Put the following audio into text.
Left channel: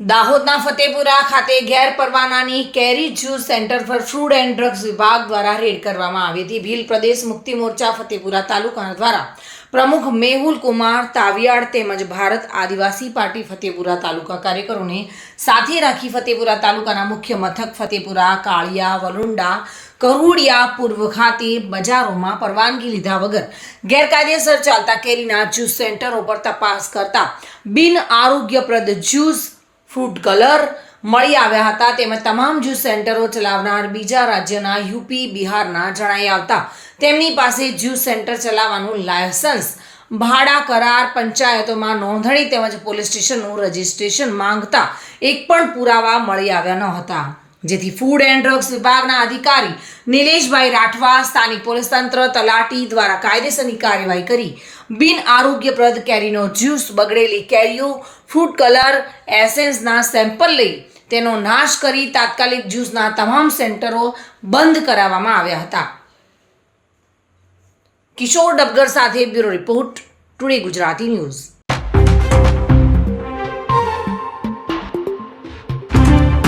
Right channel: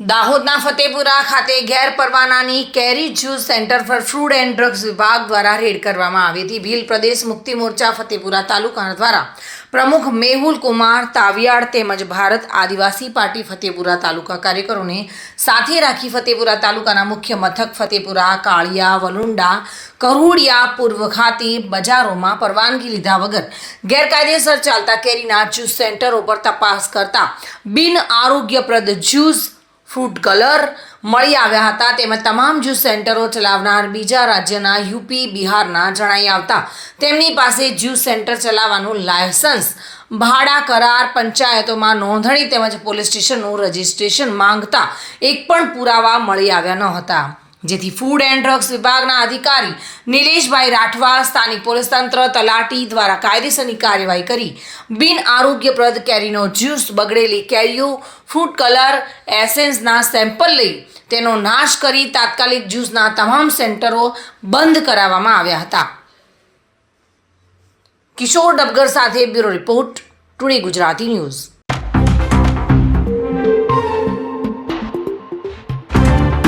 દાહોદના ફતેપુરા ખાતે ગેરપરવાનાની કેરી જ્યુસ સેન્ટર પર ફૂડ એન્ડ ડ્રગ્સ વિભાગ દ્વારા રેડ કરવામાં આવી હતી. ભીલ પ્રદેશ મુક્તિ મોરચા ફતેપુરા તાલુકા દ્વારા પ્રમુખ મેહુલ કુમાર તાવિયાડ તેમજ ભારત આદિવાસી પાર્ટી ફતેપુરા તાલુકા કાર્યકરોને સાથે રાખી ફતેપુરા તાલુકાના મુખ્ય મથક ફતેપુરા, કાળિયા, વલુંડા, કરુડિયા, પૂર્વ ખાતે બજારોમાં પરવાનગી લીધા વગર ગેરકાયદેસર ચાલતા કેરીના જ્યુસ સેન્ટરો પર તપાસ કરતા બિન આરોગ્યપ્રદ જ્યુસ ફૂડ કલર મળી આવ્યા હતા. તેમજ તમામ જ્યુસ સેન્ટરો ચલાવનાર બીજા રાજ્યના યુપી, બિહારના જણાઈ આવતા તેમની પાસે જ્યુસ સેન્ટર ચલાવવાનું લાયસન્સ ભાડા કરાર પંચાયતોમાં નોંધણી તેમજ પોલીસ સ્ટેશનનું રજિસ્ટ્રેશન માંગતા એક પણ પુરાવા મળી આવ્યા ન હતા. જેથી ફૂડ એન્ડ ડ્રગ્સ વિભાગના અધિકારી નિલેશભાઈ રાઠવા સ્થાનિક પોલીસ તંત્ર તલાટી દ્વારા કાયદેસરની કાર્યવાહી કરી. બિન આરોગ્યપ્રદ કેરીનો જ્યુસ, બગડેલી કેરીઓ ફૂડ કલર એસેન્સના સેમ્પલ લઈ તેનો નાશ કરી તાત્કાલિક જ્યુસના તમામ સેન્ટરો બંધ કરાવવામાં આવ્યા હતા. કિશોર ડબગર સાથે bureau report, today Gujarati news.